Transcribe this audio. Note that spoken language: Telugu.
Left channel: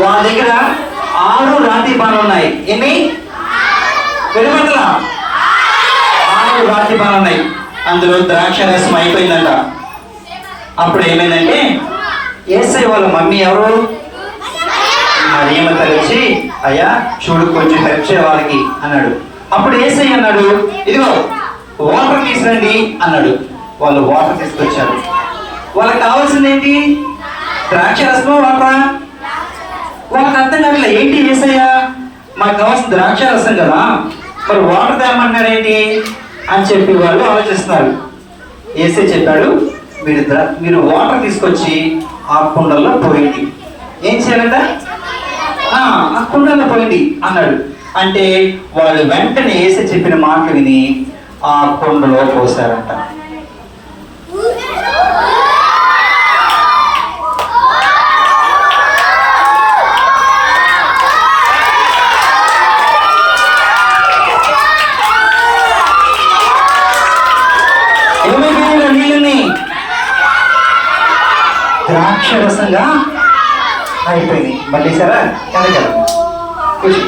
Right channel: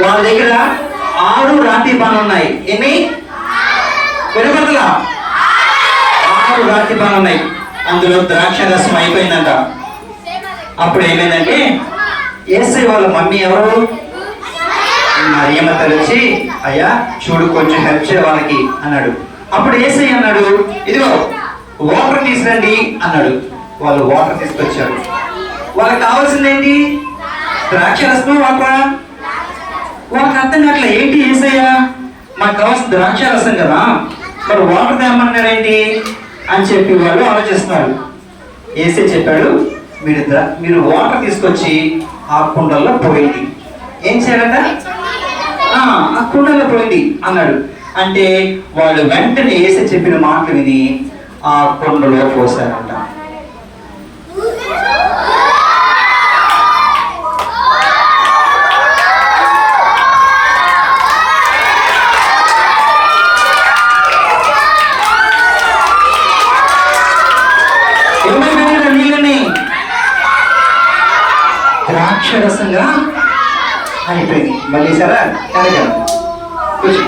వాళ్ళ దగ్గర ఆరు రాతి బాణాలు ఉన్నాయి. ఎన్ని? వెలువడలా ఆరు రాతి బాణాలు ఉన్నాయి. అందులో ద్రాక్ష రసం అయిపోయిందంట. అప్పుడు ఏమైందంటే ఏసై వాళ్ళ మమ్మీ ఎవరు? మరియమ్మ తలచి అయ్యా చూడు కొంచెం హెల్ప్ చేయ వాళ్ళకి అన్నాడు. అప్పుడు ఏసై అన్నాడు ఇదిగో వాటర్ తీసుకురండి అన్నాడు. వాళ్ళు వాటర్ తీసుకొచ్చారు. వాళ్ళకి కావాల్సింది ఏంటి? ద్రాక్ష రసమా వాటరా? నాకు అర్థం కావట్లే ఏంటి ఏసయ్యా? మాకు కావాల్సిన ద్రాక్ష రసం కదా. మరి వాటర్ తేమన్నారు ఏంటి అని చెప్పి వాళ్ళు ఆలోచిస్తున్నారు. ఏసే చెప్పాడు మీరు మీరు వాటర్ తీసుకొచ్చి ఆ కుండల్లో పోయింది ఏం చేయాలంట? ఆ కుండల్లో కుండలో పోయింది అన్నాడు. అంటే వాళ్ళు వెంటనే ఏసే చెప్పిన మాటలు విని ఆ కుండలో పోసారంట. ఏమైపోయిన నీళ్ళని ద్రాక్షరసంగా అయిపోయింది మళ్ళీ సరే కనక కూర్చో.